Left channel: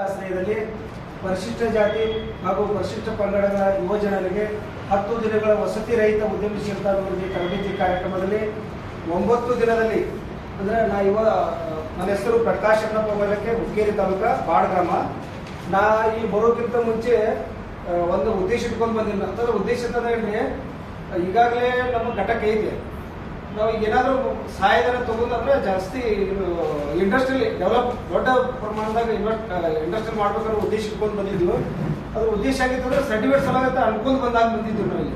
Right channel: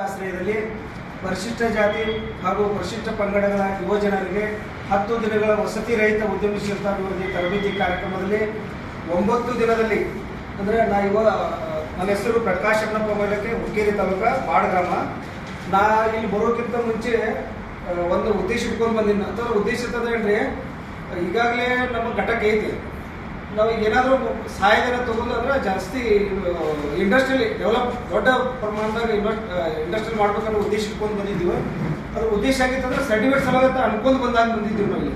ಆಶ್ರಯದಲ್ಲಿ ಪರಿಶಿಷ್ಟ ಜಾತಿ ಹಾಗೂ ಪರಿಶಿಷ್ಟ ಪಂಗಡಗಳ ಯುವಜನರಿಗೆ 10 ದಿನಗಳ ವಸತಿ ರಹಿತ ಉದ್ಯಮಶೀಲತಾ ಅಭಿವೃದ್ಧಿ ತರಬೇತಿ ಕಾರ್ಯಕ್ರಮದಲ್ಲಿ 9 ದಿನದಲ್ಲಿ ಅಂದರೆ ನನ್ನ ಹೆಸರು ಪ್ರಕಾಶ್ ಅಣ್ಣಪ್ಪ ಮೇಲಕ್ಕೆ ಹುಕ್ಕೇರಿ ತಾಲೂಕ ಬಾಡ್ ಗ್ರಾಮ. ನಾ ಇಲ್ಲಿ ಬರೋಕ್ಕಿಂತ ಮುಂಚೆ ಒಂದು ಉದ್ದೇಶ ಇಟ್ಕೊಂಡು ಬಂದಿನಿ. ಅಂತ ಉದ್ದೇಶ ಅಂತಂದ್ರೆ ಈಗಾಗಲೇ ನಮ್ಮ ಘಟಕ ಐತಿ. ನಾವು ಈಗ ಏನಾದರೂ ಸಹಾಯಧನ ತಗೊಂಡ್ರೆ ಜಾಸ್ತಿ ಇಂಡಸ್ಟ್ರಿಯಲ್ ಡೆವಲಪ್ ದೊಡ್ಡ ಪ್ರಮಾಣದಾಗ ಇಂಡಸ್ಟ್ರಿಯಲ್ ಮಾಡ್ಬೇಕನ್ನೋ ಉದ್ದೇಶ ಇಟ್ಕೊಂಡು ಬಂದಿದ್ದೀವಿ. ಅದ್ರ ಉದ್ದೇಶ ಆಗಿತ್ತು ಅಂದ್ರೆ ಸರ್ಟಿಫಿಕೇಟ್ ಸಲಗತ್ತ ಅನ್ಕೊಂಡು ಬಂದಿದ್ದೀವಿ ನಾವಿಲ್ಲಿ.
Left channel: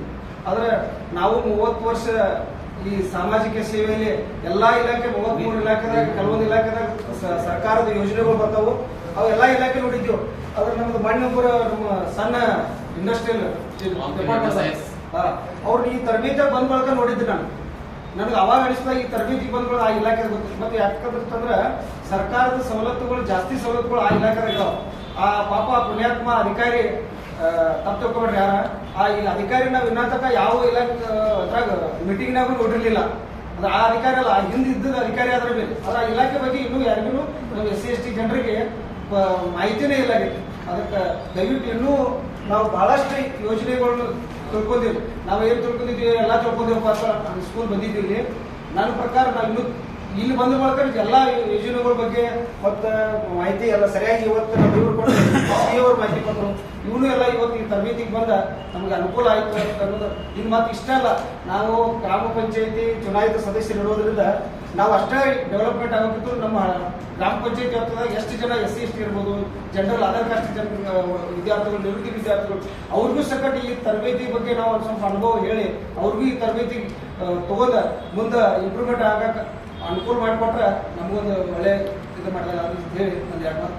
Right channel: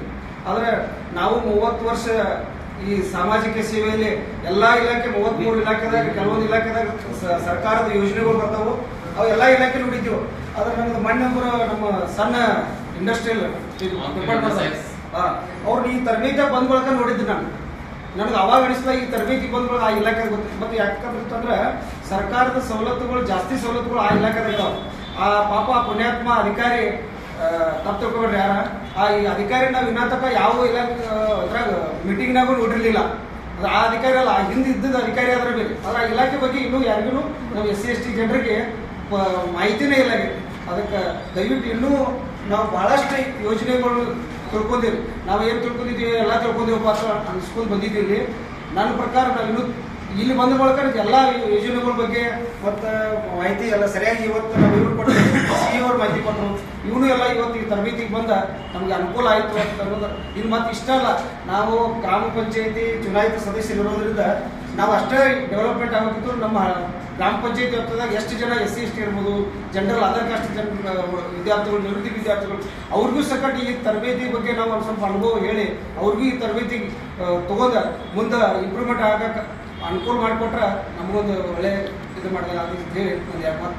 ಆದರೆ ನಾವು 30 ವರ್ಷ ಈ ಸಾಮಾಜಿಕ ಸೇವೆಯಲ್ಲಿ ಎಲ್ಲಾ ಇಲಾಖೆ 33 ಇಲಾಖೆದಾಗ ಕೆಲವೊಂದು ಇಲಾಖೆದಾಗ ಸರ್ಕಾರದ ಯೋಜನೆಗಳು ಬರ್ತಾವು. ಅವು ಎಲ್ಲಾ ಇಲಾಖೆ ನೋಡಿದ್ದೀವಿ. ಆದ್ರೆ ನಮ್ದು ಮಣ್ಣೊಬ್ಬರು ನಮ್ಮ ಸಣ್ಣ ಇಂಡಸ್ಟ್ರಿಯಲ್ ಅವ್ರು ಈ ತರಬೇತಿ ಬಂದ್ ಬಳಕ ನೋಡಿದ್ದು ನನಗೆ ಅವಾಗ ಅನಿಸ್ತಾ ಈ ತರಬೇತಿ ಬಂದ್ಗಳು ಆ ಇಲಾಖೆ ಗೊತ್ತು. ಮತ್ತೆ ಯಾಕಂದ್ರೆ ಸರ್ಕಾರದ ಸವಲತ್ತುಗಳು ಜಾಸ್ತಿ ಸವಲತ್ತುಗಳು ಆ ಇಲಾಖೆದಾಗ ಇದಾವೆ. ಆ ಪಾಪ ಪುಣ್ಯಾತ್ಮ ಅಧಿಕಾರಿ ತಪ್ಪು ತಿಳ್ಕೊಬೇಡ್ರಿ ಯಾರ ಈ ಅಧಿಕಾರಿ ನಾವು ಇನ್ನ ತನಕ ಯಾವ ಇಲಾಖೆ ಅದ್ರಾಗ ಮೀಟಿಂಗ್ನಾಗೂ ನೋಡಿರ್ಲಿಲ್ಲ. ಅದು ಆ ಅಧಿಕಾರಿ ಅಲ್ಲ, ಹಿಂದೆ ಇದ್ದದ ಅಧಿಕಾರಿ ಆದ್ರೆ ಬೇಕು. ಆದ್ರೆ ಆ ಇಲಾಖೆ ಬಗ್ಗೆ ಇನ್ನೂ ಯಾರಿಗೂ ನಾವು SC/ST ಜನರಿಗೆ ಮಾಹಿತಿನೇ ಇಲ್ಲ. ಅದಕ್ಕೆ ದಯವಿಟ್ಟು ಇನ್ನೂ ನಾವು ಬಹಳಷ್ಟು ಯೋಜನೆಗಳು ತಿಳ್ಕೊಂಡಿವಿ. ನಾವು ಏನು ತಿಳ್ಕೊಂಡಿದ್ದೀವಿ ಎಲ್ಲ ತಿಳ್ಕೊಂಡಿವಪ್ಪ ಅಂತ ಅನ್ಸ್ಕೊಂಡು ಬಂದಿದ್ದೀವಿ. ನನ್ನ ಪ್ರಕಾರ ನಾವು ಇನ್ನೂ ಇಲ್ಲಿ ಬಂದ ಮೂಲಕ ಎಲ್ಲ ಯೋಜನೆಗಳ ಬಗ್ಗೆ ಮತ್ತು ಮಾಹಿತಿ ಎಲ್ಲ ಸರಿಯಾಗಿ ಇವತ್ತು ನಾವು ಇವ್ರು ಕೊಟ್ಟರು, CA ಅವ್ರು ಮಾಹಿತಿ ಕೊಟ್ಟರು. ಇವನು ಎಲ್ಲ ಇವತ್ತು ಈ ತರಬೇತಿಗೆ ಬಂದ ನಮಗೆ ಅನುಕೂಲ ಆಯಿತು ಅಂತ ಅನ್ನೋದು. ಇದು ಮತ್ತೆ ಇಷ್ಟ ಅಲ್ಲ, ನಾವು ಗ್ರಾಮ ಪಂಚಾಯತಿ ಚುನಾಯಿತ ಸದಸ್ಯರು ಇರೋದ್ರಿಂದ ನಾವು ಅಷ್ಟೇ ಡೆವಲಪ್ಮೆಂಟ್ ಆಗಬೇಕಿದ್ರು ನಮ್ಮ ಗ್ರಾಮ ಪಂಚಾಯತಿ ವ್ಯಾಪ್ತಿದಾಗ ಎಷ್ಟು ಜನ SC/ST ಇರ್ಬೋದು, ಜನರಲ್ ಅದರ್ ಕಾಸ್ಟ್ ವಿದ್ಯಾರ್ಥಿಗಳು, ನಿವೃತ್ತಿ ವಿದ್ಯಾರ್ಥಿಗಳು, ಅವ್ರಿಗೂ ಸಕಟ್ ಈ ತರಬೇತಿ ಬಗ್ಗೆ ನಾವು ಒಂದು ಸ್ವಲ್ಪ ಅನುಭವ ಹೇಳಿ ಅವ್ರಿಗೂ ಈ ತರಬೇತಿ ತಗೊಂಡ ಮುಂದೆ ಇಂಪ್ರೂವ್ಮೆಂಟ್ ಆಗಕ್ಕೆ ಅನುಕೂಲ ಮಾಡಿಕೊಟ್ರೆ ನಮಗೊಂದು ಒಳ್ಳೆ ಇದು ಮಾಡಿದಾಗ ಅಂತ ಹೇಳಿ ಒಂದು 2 ಮಾತು